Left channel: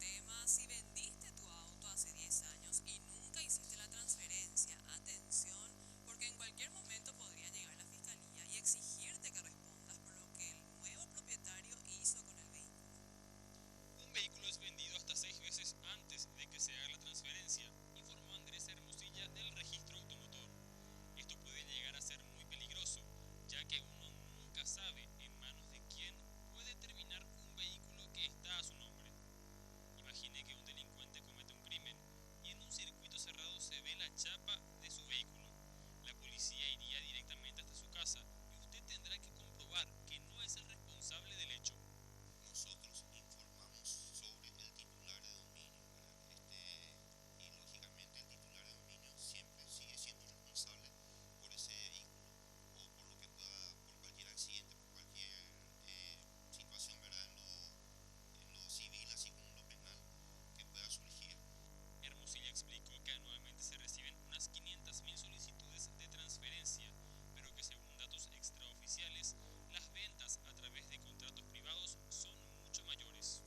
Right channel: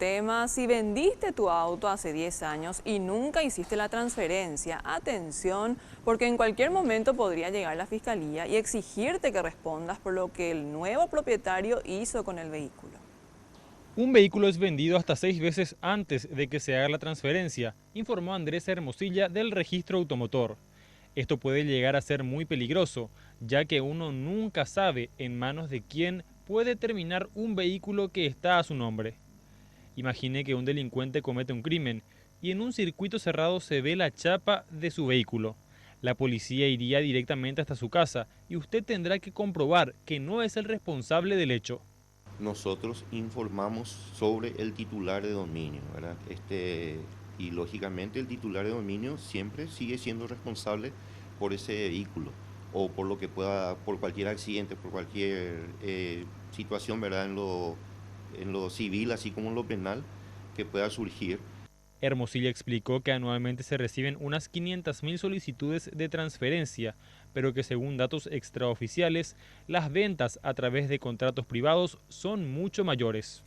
tema, si vendiste tu auto hace 10 años y nunca hiciste la transferencia, atención, porque en cualquier momento podría llegar la fiscalía y exigirte que respondas por lo que el nuevo propietario hizo con el vehículo. Un vehículo es vendido hasta 6 veces antes de que se haga la transferencia, informó Andrés Hermosilla del Registro Automotor. Esto puede llegar a ser muy peligroso, ya que uno nunca sabe en manos de quién puede terminar un vehículo que está a su nombre. Imagine que un delincuente comete un crimen y en un circuito cerrado se ve la chapa de su vehículo. La policía iría directamente hasta su casa y usted tendrá que comprobar que no es el responsable del hecho. Nosotros informamos sobre el titular de dominio, ¿verdad? Y lógicamente el titular de dominio siempre sigue siendo responsable por ese vehículo o por lo que pueda, por cualquier accidente, por cualquier situación, ¿verdad? En lo civil, así como en lo penal, que pueda surgir. Hermosilla explicó que anualmente se reciben unas 500.000 solicitudes de transferencia, pero que según datos extraoficiales, las ventas a través de contratos privados son mucho mayores.